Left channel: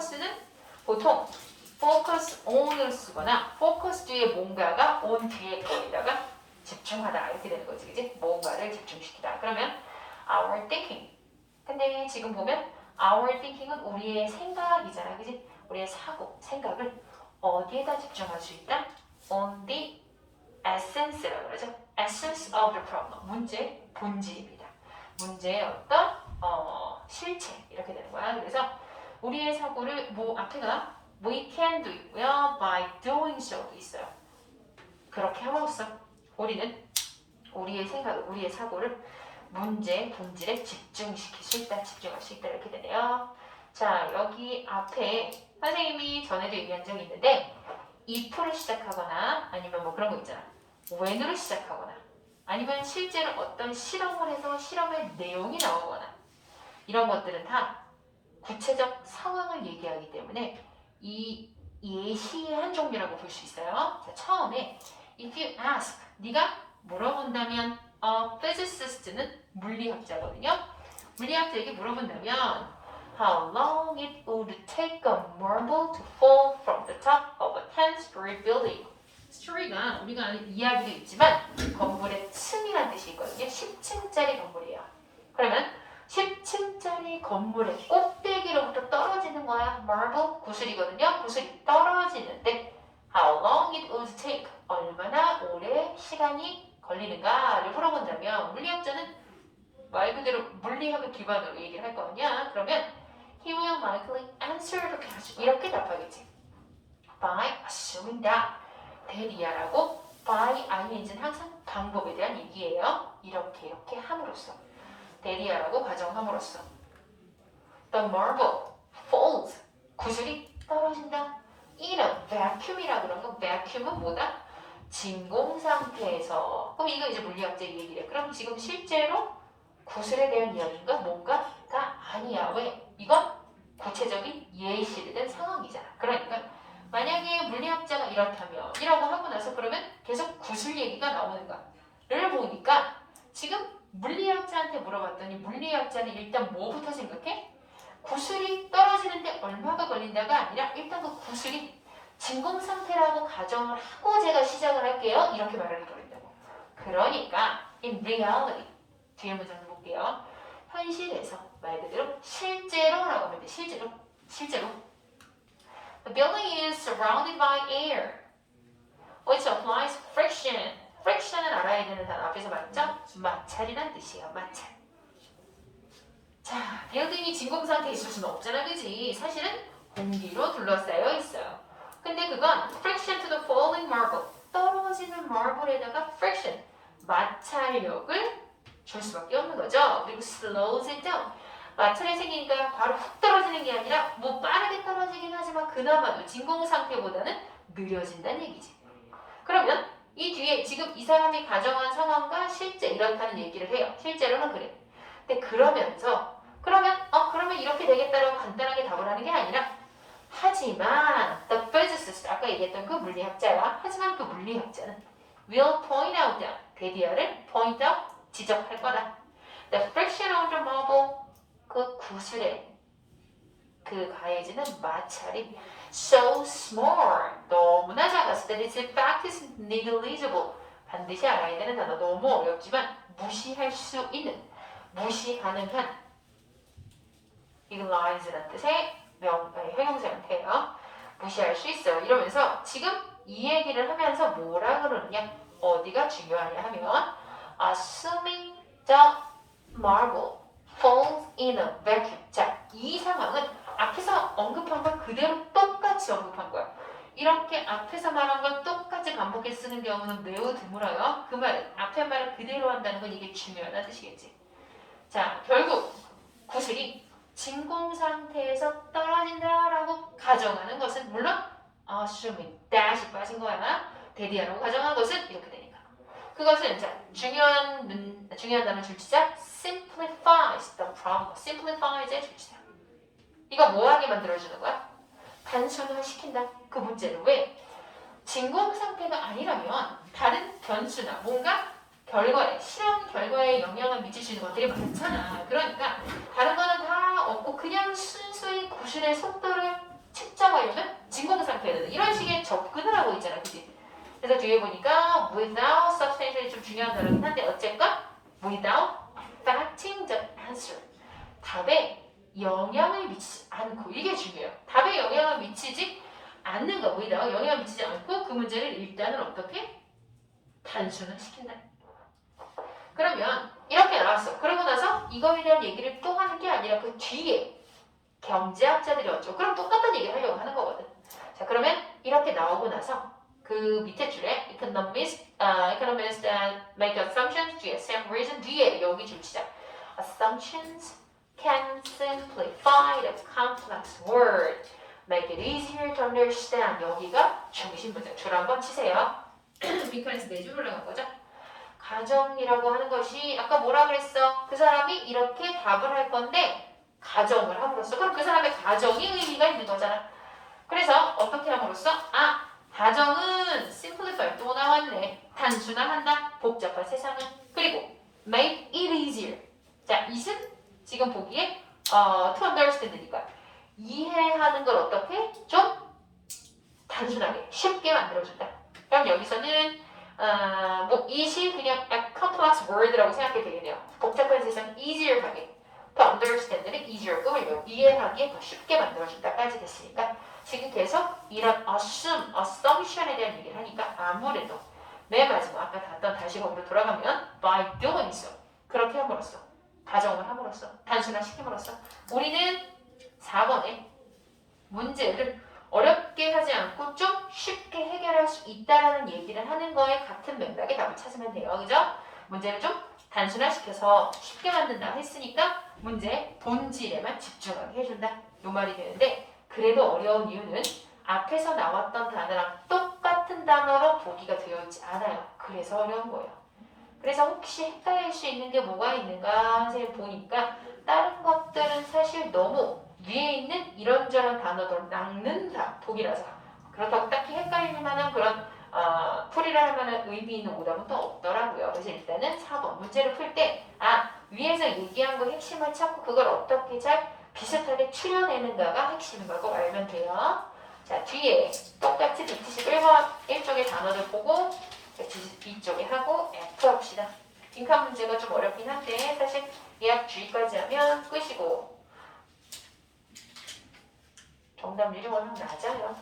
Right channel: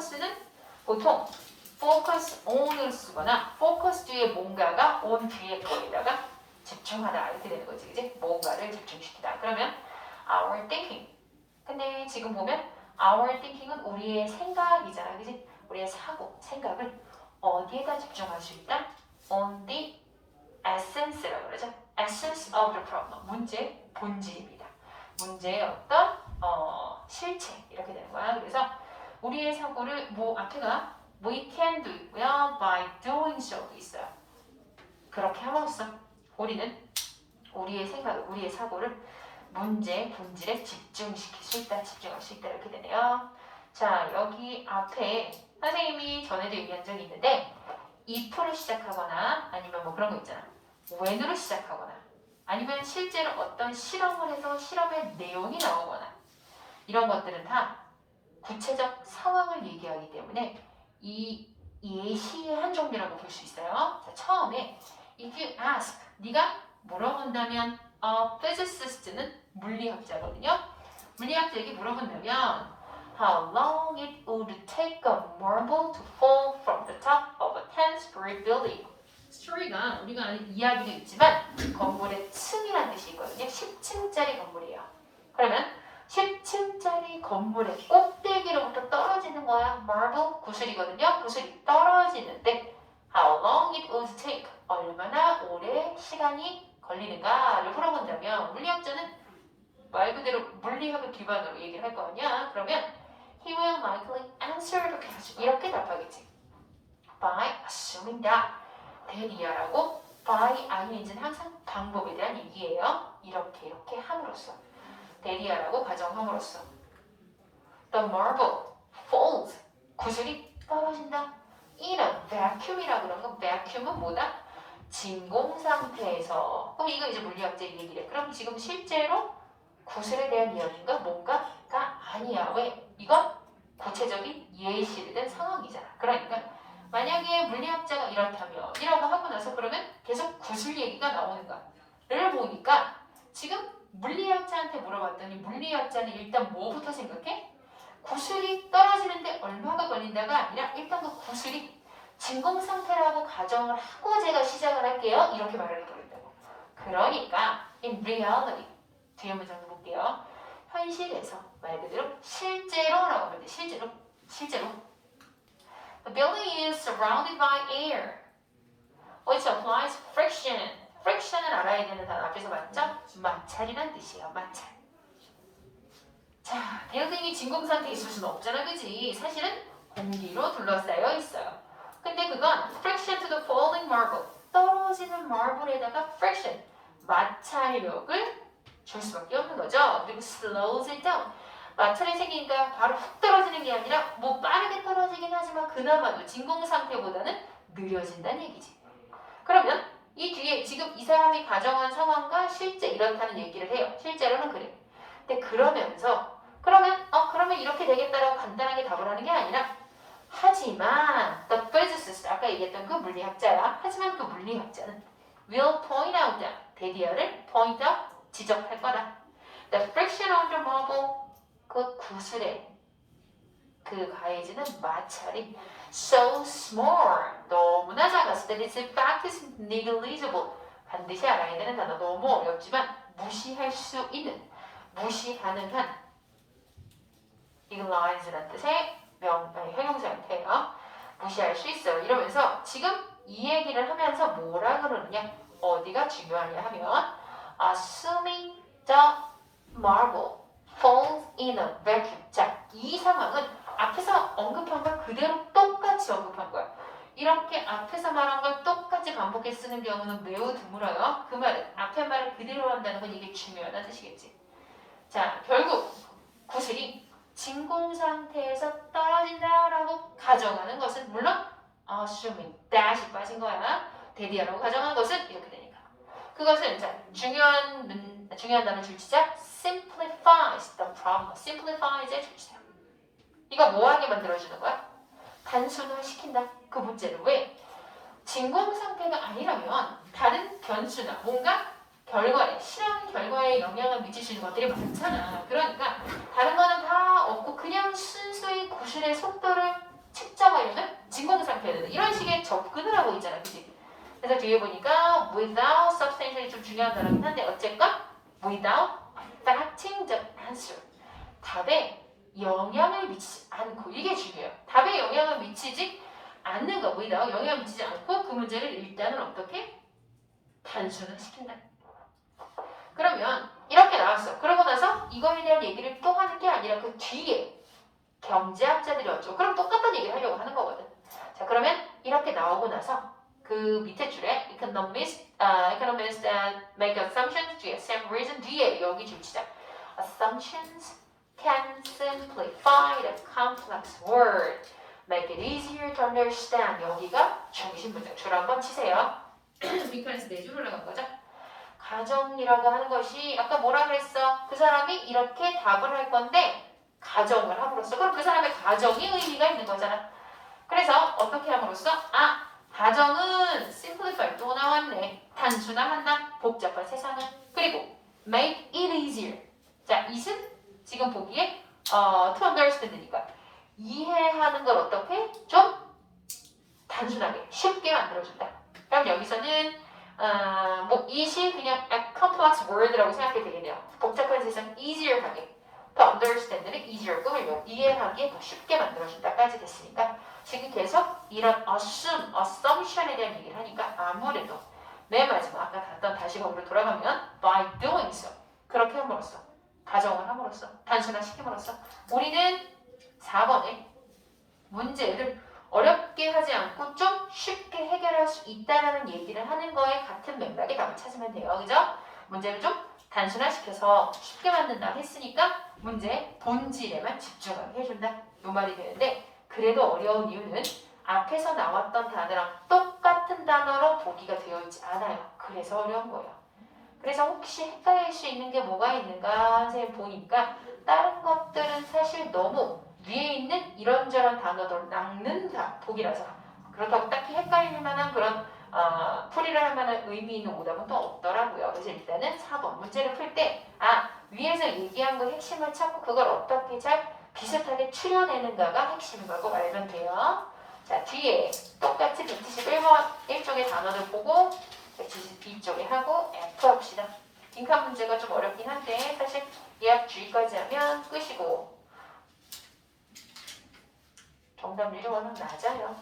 focus는 보통 focus on을 쓰거나 focus 뒤에 뭔가가 on 뒤에 거에다가 집중하다 이렇게 되는 거지, 그지? 뭔가를 집중시키다. 그러면 our thinking. 근데 지금 보면 our thinking은 우리의 생각이잖아, 그지? 우리의 사고, 생각을 어디에다 집중할 수 있다? On the essence라고 그러죠. essence of the problem. 문제, 본질입니다. 문제의 어떤 실체 이렇게 되는 거야. 그래서 우리의 사고를 뭐 앞에가 we can do 있고요. by doing so도 있어요. 그렇게 함으로써 우리는 우리의 생각을, 우리의 사고를 문제, 본질에 집중시킬 수 있다, 집중할 수 있다 이렇게 되네요. 자, 여기 앞에 선생님이 전에도 얘기한 적이 있는데 if를 시작하거나 아니면 뭐 그런 거 있잖아. when으로 시작하거나 아니면 실제로 어떤 실험을 해서 실험의 내용이 나오거나 이런 것들은 다 구체적 상황을 얘기하기 때문에 이 예시의 한 종류라고 볼 수 있어요. 자, 처음에 if you ask, 네가 물어본다면 physicist는 물리학자거든요. 물리학자에게 물어본다면 how long it would take a marble to fall from the top of a 10-story building. 스토리가 우리가 아는 이야기도 있지만 건물의 층이라는 뜻이 있거든요. 10층짜리 건물이에요. 그러면 10층짜리 건물의 꼭대기로부터 떨어지는 거야. marble, 구슬이거든요. 구슬이 떨어지는데 how long it would take, 얼마나 오래 시간이 걸리는가를 물어본다면 물리학자는 말 그대로 물리학을 기반으로 얘기를 할 거 아니야. 그러면 he will likely answer the question. 이렇게 답하겠지. by assuming that. 대리야라고 by ing는 항상 방법에 대한 얘기예요. 이렇게 함으로써. 대리야라고 가정함으로써. The marble falls. 구슬이 떨어진다. in a vacuum이라 그런 거. vacuum은 뭐다? 진공 상태에서. 그럼 이거 이제 물리학자의 얘기래. 그럼 지금 실제로 구슬에 대한 이야기인가 뭔가가 아니야. 왜? 이건 구체적인 예시를 든 상황이잖아. 그러니까 만약에 물리학자가 이렇다면 이라고 하고 나서 그러면 계속 구슬 얘기가 나오는가를 보니까 지금 물리학자한테 물어봤더니 물리학자는 일단 뭐부터 생각해? 구슬이 떨어지는데 얼마가 걸린다가 아니라 일단 그 구슬이 진공 상태라고 가정을 하고 제가 시작을 할게요. 이렇게 말을 해버린다고. 그러니까 in reality 뒤에 문장 볼게요. 현실에서 말 그대로 실제로라고 하면 돼. 실제로. The building is surrounded by air, which applies friction. friction을 알아야 되는 단어 앞에서 맞죠? 마찰이란 뜻이에요. 마찰. 자, 빌딩이 진공 상태에 있을 수는 없잖아, 그지? 사실은 공기로 둘러싸여 있어요. 근데 그건 friction to the falling marble, 떨어지는 marble에다가 friction, 마찰력을 줄 수밖에 없는 거죠. 그리고 slows it down. 마찰이 생기니까 바로 훅 떨어지는 게 아니라 뭐 빠르게 떨어지긴 하지만 그나마도 진공 상태보다는 느려진다는 얘기지. 그러면 이 뒤에 지금 이 사람이 가정한 상황과 실제 이렇다는 얘기를 해요. 실제로는 그래. 근데 그러면 이렇게 되겠다라고 간단하게 답을 하는 게 아니라 하지만 the physicist, 아까 얘기했던 그 물리학자가 하지만 그 물리학자는 will point out that, 대디어를 point out, 지적할 거다. The friction of the marble, 그 구슬에 그 가해지는 마찰이 so small, 너무나 작았을 때 its effect is negligible. 반드시 알아야 되는 단어, 너무 어렵지만 무시할 수 있는, 무시 가능한 neglige라는 뜻의 형용사 형태예요. 무시할 수 있어요. 이러면서 지금 이 얘기를 하면서 뭐라 그러느냐, 어디가 중요하냐 하면 assuming the marble falls in a vacuum. 자, 이 상황은 앞에서 언급한 걸 그대로 똑같이 언급한 거야. 이렇게 앞에서 말한 걸 똑같이 반복해 쓰는 경우는 매우 드물어요. 그 말은 앞에 말을 그대로 한다는 건 이게 중요하다는 뜻이겠지. 자, 결국 구슬이 진공 상태에서 떨어진다라고 가정하는 것은 물론 assuming, dash 빠진 거야. 대리하라고 가정하는 것은 이렇게 되니까. 그것은 자, 중요한 단어 줄치자 simplifies the problem. simplifies의 줄치자. 이거 뭐하게 만들어주는 거야? 단순화시킨다. 그 문제를 왜? 진공 상태가 아니라면 다른 변수나 뭔가 결과에, 실험 결과에 영향을 미칠 수 있는 것들이 많잖아. 그러니까 다른 거는 다 없고 그냥 순수히 구슬의 속도를 측정하려면 진공상태가 되는 이런 식의 접근을 하고 있잖아. 그치? 그래서 뒤에 보니까 without substantially 좀 중요한 단어긴 한데 어쨌건 without affecting the answer. 답에 영향을 미치지 않고 이게 중요해요. 답에 영향을 미치지 않는 거 without 영향을 미치지 않고 그 문제를 일단은 어떻게 단순화 시킨다. 그러면 이렇게 나왔어. 그러고 나서 이거에 대한 얘기를 또 하는 게 아니라 그 뒤에 경제학자들이 왔죠. 그럼 똑같은 얘기를 하려고 하는 거거든. 자, 그러면 이렇게 나오고 나서 그 밑에 줄에 economists that make assumptions 뒤에 same reason 뒤에 여기 줄치자. Assumptions can simplify the complex word, make it easier to understand. 여기가 중심 문장. 줄 한번 치세요. because 네 줄 올라간 거죠. 가정이라고 하는 것이 아까 뭐라 그랬어? 그 사람이 이렇게 답을 할 건데 가정을 함으로써 그럼 그 사람의 가정이 의미가 있는 거잖아. 그래서 어떻게 함으로써 가정은 simplify 또 나왔네. 단순화한다. 복잡한 세상은. 그리고 make it easier. 자, it은 지금 보기에 to understand니까 이해하는 걸 어떻게 좀 단순하게 쉽게 만들어준다. 그럼 여기서는 뭐 it이 그냥 a complex word라고 생각해도 되겠네요. 복잡한 세상 easier 하게. to understand는 easier 꾸밀려 이해하기에 더 쉽게 만들어준다까지 됐으니까 지금 계속 이런 assumption에 대한 얘기를 하니까 아무래도 맨 마지막 아까 봤던 다시 거기로 돌아가면 by doing so 그렇게 함으로써 가정을 함으로써 단순화시킴으로써 우리는 4번에 문제를 어렵게 하지 않고 좀 쉽게 해결할 수 있다라는 얘기를 하는 거에 같은 맥락에 답을 찾으면 돼요. 그죠? 문제를 좀 단순화시켜서 쉽게 만든다 했으니까 문제의 본질에만 집중하게 해준다. 요 말이 되는데 그래도 어려운 이유는 앞에서 나왔던 단어랑 똑같은 단어로 보기가 되어 있지 않아요. 그래서 어려운 거예요. 그래서 혹시 헷갈릴 수 있는 게 뭐가 있는가 선생님 보니까 다른 것들은 사실 너무 위에 있는 이런저런 단어들 낚는다 보기라서 그렇다고 딱히 헷갈릴 만한 그런 풀이를 할 만한 의미 있는 오답은 또 없더라고요. 그래서 일단은 4번 문제를 풀 때 위에서 얘기한 거 핵심을 찾고 그걸 어떻게 잘 비슷하게 추려내는가가 핵심인 거고 알면 돼요. 자, 뒤에 똑같이 171번 1쪽의 단어들 보고 172쪽에 하고 F 합시다. 빈칸 문제가 좀 어렵긴 한데 사실 예약 주의까지 하면 끝이고 정답률이 워낙 낮아요.